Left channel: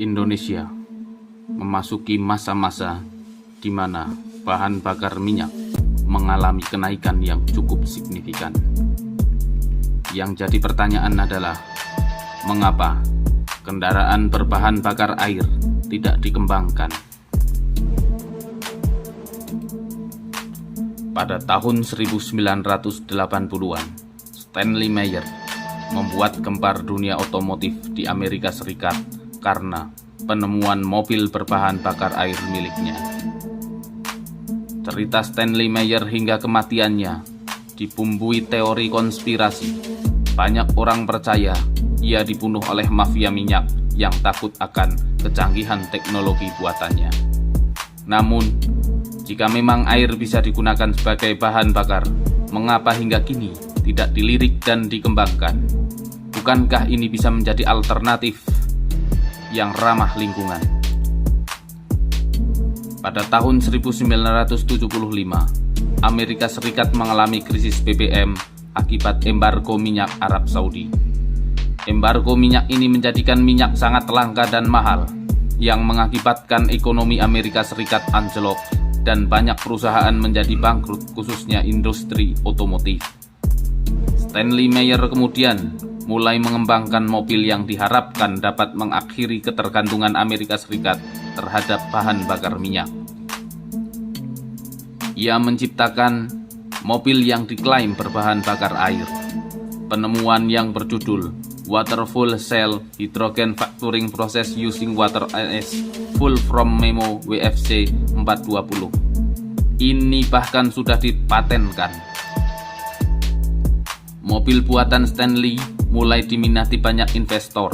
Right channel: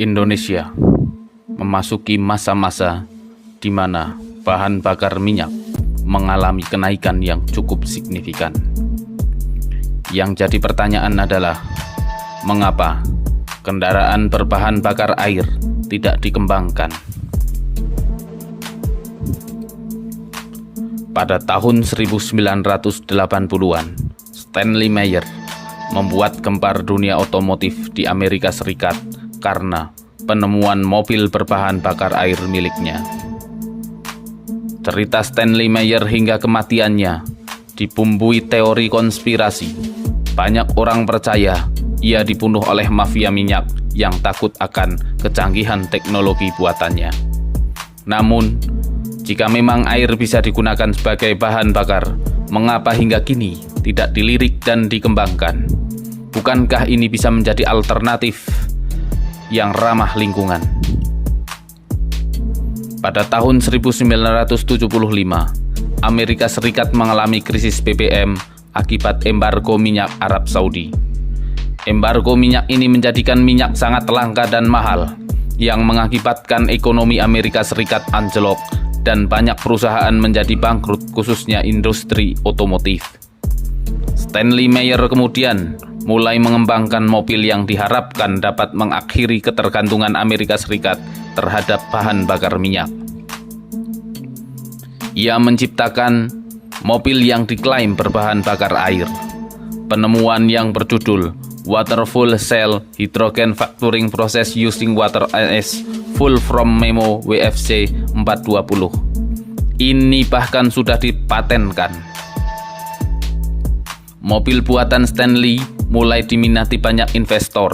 Indonesia memasuki masa-masa di mana bahan bakar minyak mengalami kenaikan yang cukup signifikan. Yang jadi pertanyaan adalah, mengapa kendaraan berbahan bakar air tidak dikembangkan? Pada tahun 1980-an, Stanley Meyer membuat gempar dunia otomotif di Amerika Serikat karena penemuan mobil berbahan bakar air miliknya. Cerita Stanley Meyer hingga kematiannya dibumbui teori konspirasi. Banyak orang percaya ia dibunuh oleh mafia minyak yang takut akan kecanggihan teknologi buatannya. Namun, jika memang air bisa digunakan sebagai bahan bakar, mengapa hingga kini tidak dilirik dan dikembangkan? Bukankah ini bisa menjadi alternatif yang ramah lingkungan? Pada tahun 1975, Amerika Serikat mengalami krisis BBM akibat embargo minyak Arab Saudi. Embargo minyak ini menjadikan minyak sangat langka dan mahal, yang mengakibatkan ekonomi Amerika Serikat anjlok dan banyak perusahaan menjadi bangkrut, khususnya industri otomotif. Stanley Meyer kemudian mulai mengembangkan mobil yang diharapkan dapat mengakhiri ketergantungan Amerika Serikat terhadap bahan bakar minyak. Ia menciptakan mobil yang diklaim berbahan bakar air. Penemuan yang berjudul Water Fuel Cell Hydrogen Fracturing Process Using Water as Fuel from Memo WFC 420. Ini bahkan sudah dipatenkan. Mobil buatan Stanley mulai diminati banyak investor.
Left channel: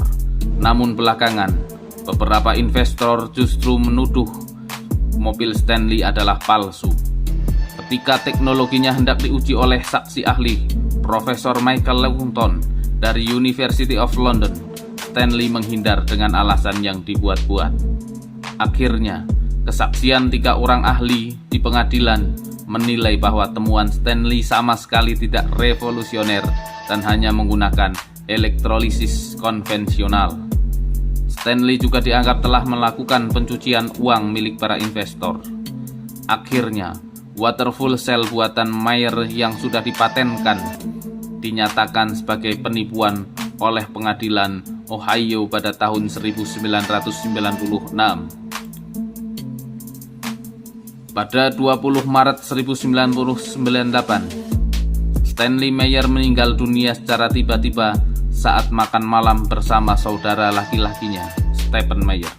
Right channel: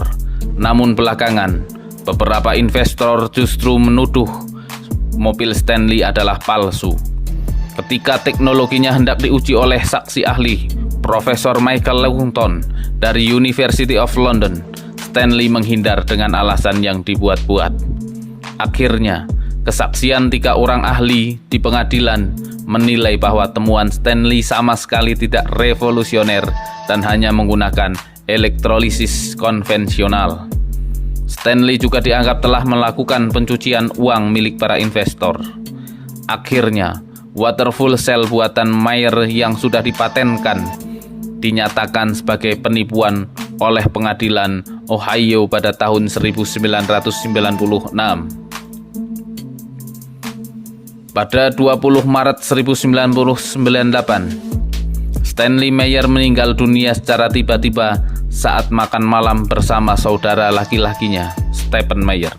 Namun belakangan, beberapa investor justru menuduh mobil Stanley adalah palsu. Ketika teknologinya hendak diuji oleh saksi ahli, Profesor Michael Lewontin dari University of London, Stanley menghindar dengan alasan yang dibuat-buat. Akhirnya, kesaksian 3 orang ahli di pengadilan menilai bahwa temuan Stanley sama sekali tidak revolusioner dan hanya menggunakan elektrolisis konvensional. Stanley juga dianggap telah melakukan pencucian uang milik para investor. Akhirnya, water fuel cell buatan Meyer yang sudah dipatenkan dinyatakan sebagai penipuan oleh pengadilan Ohio pada tahun 1996. Pada 20 Maret 1998, Stanley Meyer meninggal dunia secara tiba-tiba saat makan malam bersama saudara laki-lakinya, Stephen Meyer,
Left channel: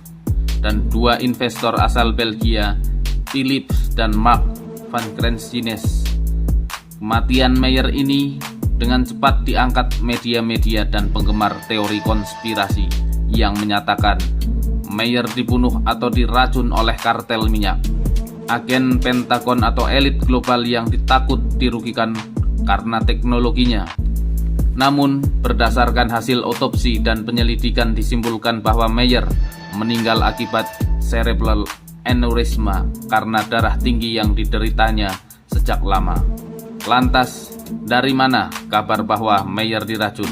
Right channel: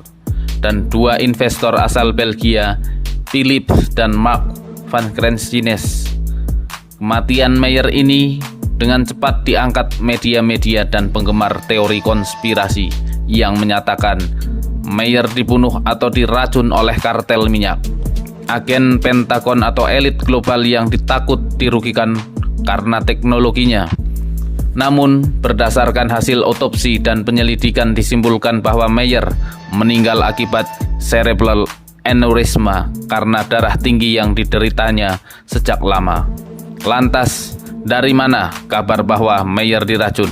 dan 2 investor asal Belgia, Philip dan Mark van Krensines. Kematian Meyer ini dengan cepat diangkat media-media dan penggemar teori konspirasi yang menyatakan Meyer dibunuh atau diracun oleh kartel minyak, agen Pentagon atau elit global yang ditakut dirugikan karena teknologinya. Namun, berdasarkan hasil otopsi dan penyelidikan disimpulkan bahwa Meyer meninggal akibat cerebral aneurysma karena darah tinggi yang dideritanya sejak lama. Lantas, dari mana kabar bahwa Meyer diracun?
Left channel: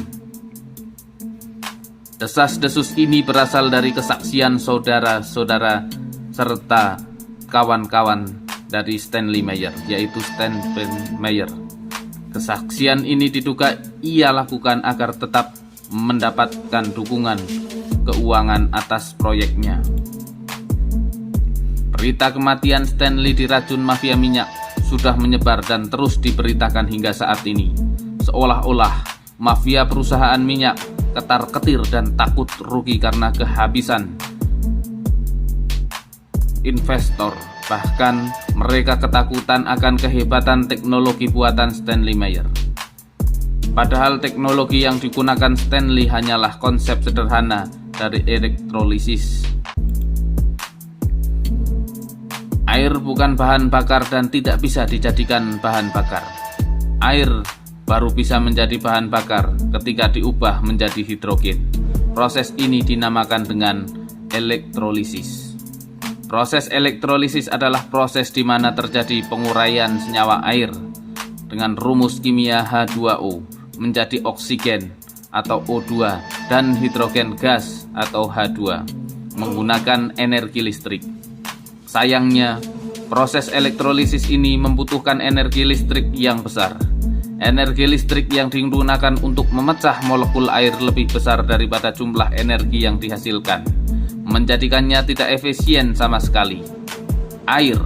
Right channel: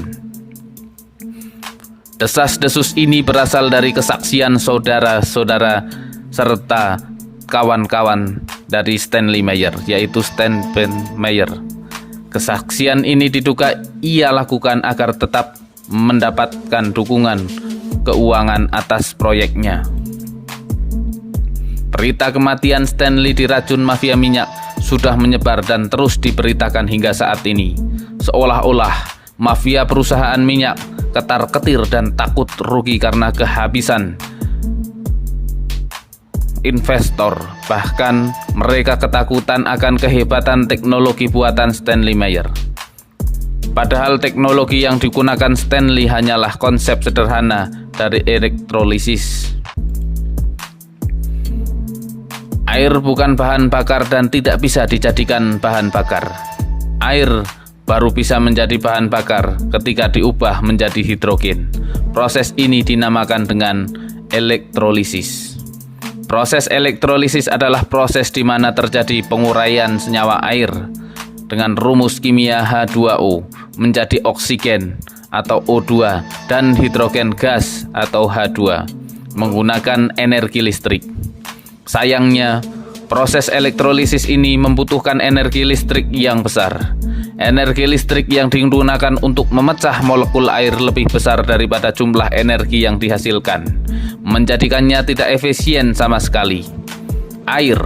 Desas-desus ini berasal dari kesaksian saudara-saudara serta kawan-kawan dari Stanley Meyer, yaitu Stephen Meyer. Kesaksian ini diduga ia lakukan agar tetap mendapatkan dukungan keuangan atas proyeknya. Berita kematian Stanley diracun mafia minyak sudah menyebar dan terus diberitakan hingga saat ini. Seolah-olah mafia perusahaan minyak ketar-ketir dan takut rugi karena kehabisan investor. Bahkan mereka ketakutan akan kehebatan teknologi buatan Stanley Meyer. Padahal teknologi yang digunakan Stanley hanyalah konsep sederhana dari elektrolisis. Air bukan bahan bakar dan tidak bisa dijadikan bahan bakar. Air baru bisa menjadi bahan bakar ketika diubah menjadi hidrogen. Proses ini dinamakan dengan elektrolisis. Proses elektrolisis adalah proses di mana terjadi penguraian senyawa air dengan rumus kimia H2O menjadi oksigen atau O2 dan hidrogen gas atau H2 menggunakan energi listrik. Sayangnya, proses elektrolisis ini membutuhkan energi listrik yang besar. Energi listrik yang digunakan untuk memecah molekul air lebih besar daripada jumlah energi yang dihasilkan, menjadikannya tidak efisien sama sekali. Air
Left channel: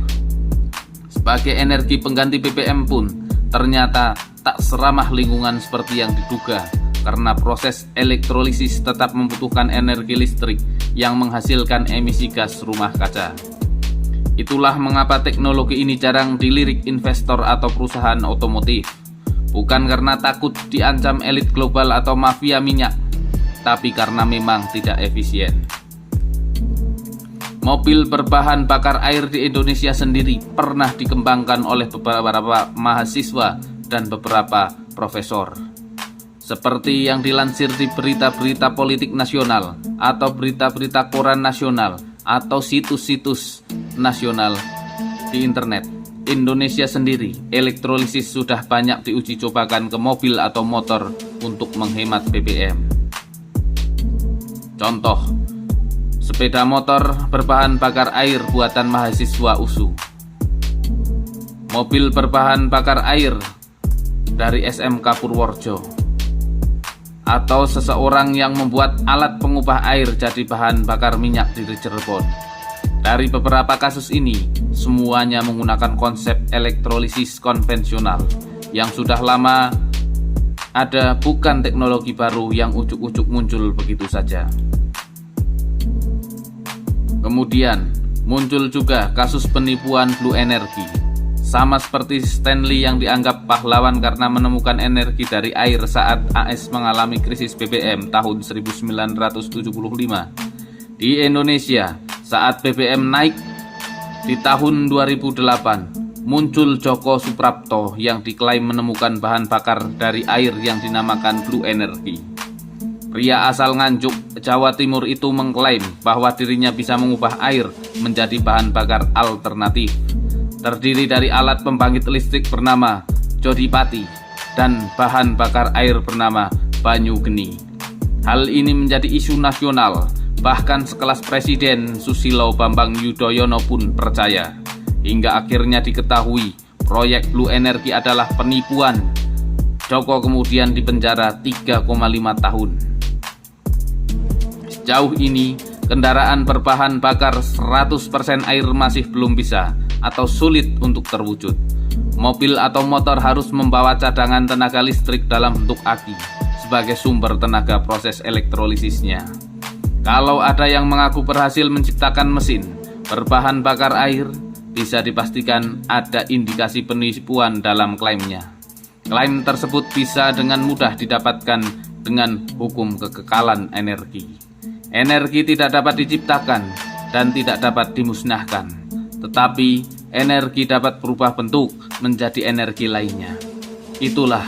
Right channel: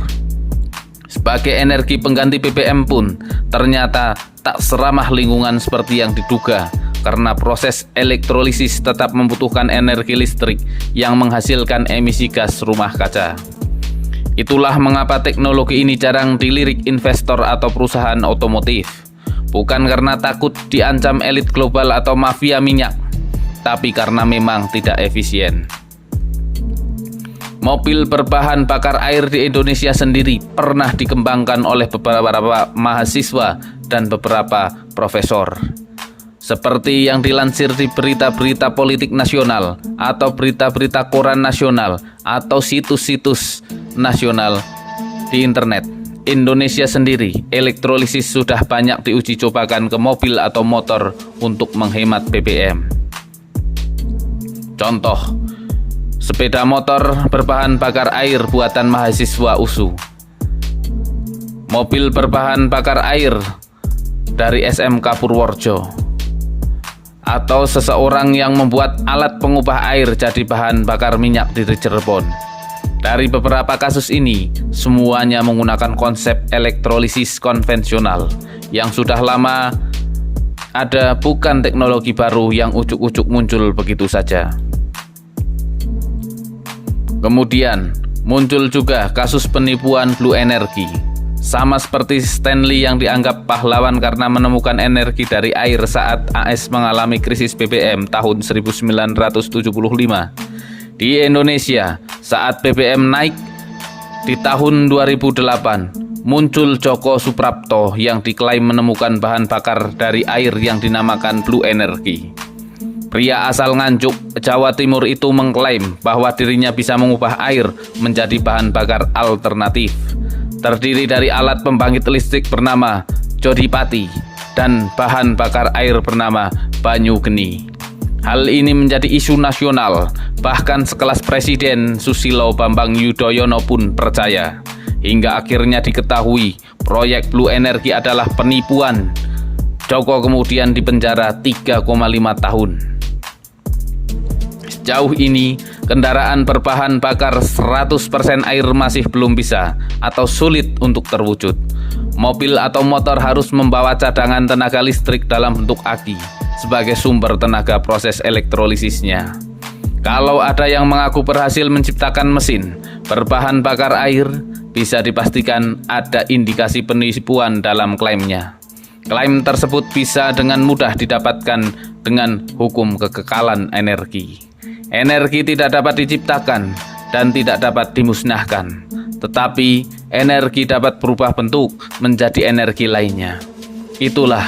sebagai energi pengganti BBM pun ternyata tak seramah lingkungan seperti yang diduga, karena proses elektrolisis tetap membutuhkan energi listrik yang menghasilkan emisi gas rumah kaca. Itulah mengapa teknologi ini jarang dilirik investor atau perusahaan otomotif. Bukan karena takut diancam elit global atau mafia minyak, tapi karena memang tidak efisien. Mobil berbahan bakar air di Indonesia sendiri pernah dikembangkan oleh beberapa mahasiswa dan beberapa profesor. Seperti yang dilansir di berita-berita politik nasional atau berita-berita koran nasional atau situs-situs nasional di internet. Indonesia sendiri, elektrolisis sudah banyak diuji cobakan ke mobil atau motor untuk menghemat BBM. Contoh, sepeda motor berbahan bakar air buatan mahasiswa USU, mobil berbahan bakar air dari SMK Purworejo, atau seseorang yang membuat alat pengubah air jadi bahan bakar minyak di Cirebon. Dari beberapa kasus ini, semuanya menggunakan konsep elektrolisis konvensional yang sudah lama ada, bukan teknologi baru yang ujuk-ujuk muncul begitu saja. Kemudian, muncul juga kasus penipuan Blue Energy. Sama seperti Stanley yang dianggap pahlawan karena menemukan energi dari air saat AS mengalami krisis BBM tahun 1975. Di Indonesia, saat BBM naik di tahun 2008, muncul Joko Suprapto yang diklaim menemukan bahan bakar dari air yang dinamakan Blue Energy. Pria asal Nganjuk, Jawa Timur itu mengklaim bahwa dirinya bisa mengubah air menjadi bahan bakar alternatif. Terdiri dari alat pembangkit listrik bernama Jodipati dan bahan bakar air bernama Banyu Geni. Hal ini menjadi isu nasional, bahkan sekelas Presiden Susilo Bambang Yudhoyono pun percaya. Hingga akhirnya diketahui proyek Blue Energy adalah penipuan. Joko kemudian dipenjara 3,5 tahun. Sejauh ini, kendaraan berbahan bakar 100% air masih belum bisa atau sulit untuk terwujud. Mobil atau motor harus membawa cadangan tenaga listrik dalam bentuk aki sebagai sumber tenaga proses elektrolisisnya. Kalau ada yang mengaku berhasil menciptakan mesin berbahan bakar air, bisa dipastikan ada indikasi penipuan dalam klaimnya. Klaim tersebut bisa dengan mudah didapatkan dengan hukum kekekalan energi. Energi tidak dapat diciptakan dan tidak dapat dimusnahkan, tetapi energi dapat berubah bentuk menjadi energi lainnya. Itulah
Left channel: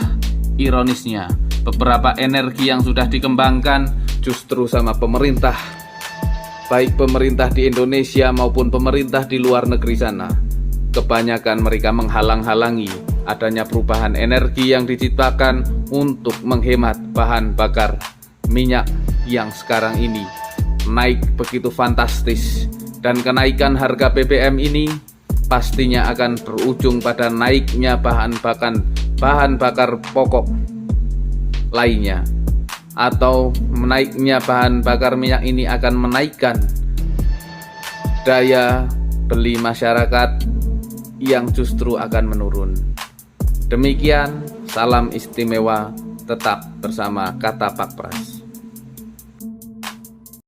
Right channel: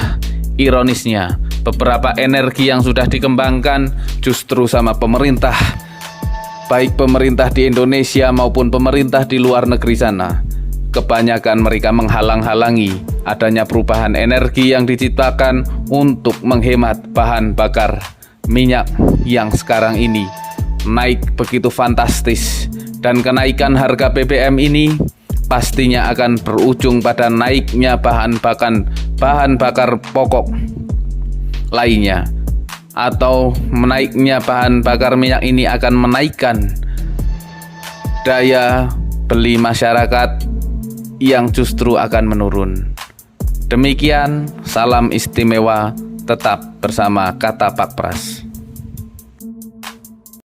ironisnya, beberapa energi yang sudah dikembangkan justru sama pemerintah, baik pemerintah di Indonesia maupun pemerintah di luar negeri sana. Kebanyakan mereka menghalang-halangi adanya perubahan energi yang diciptakan untuk menghemat bahan bakar minyak yang sekarang ini naik begitu fantastis, dan kenaikan harga BBM ini pastinya akan berujung pada naiknya bahan bakar pokok lainnya, atau menaiknya bahan bakar minyak ini akan menaikkan daya beli masyarakat yang justru akan menurun. Demikian, salam istimewa, tetap bersama Kata Pak Pras.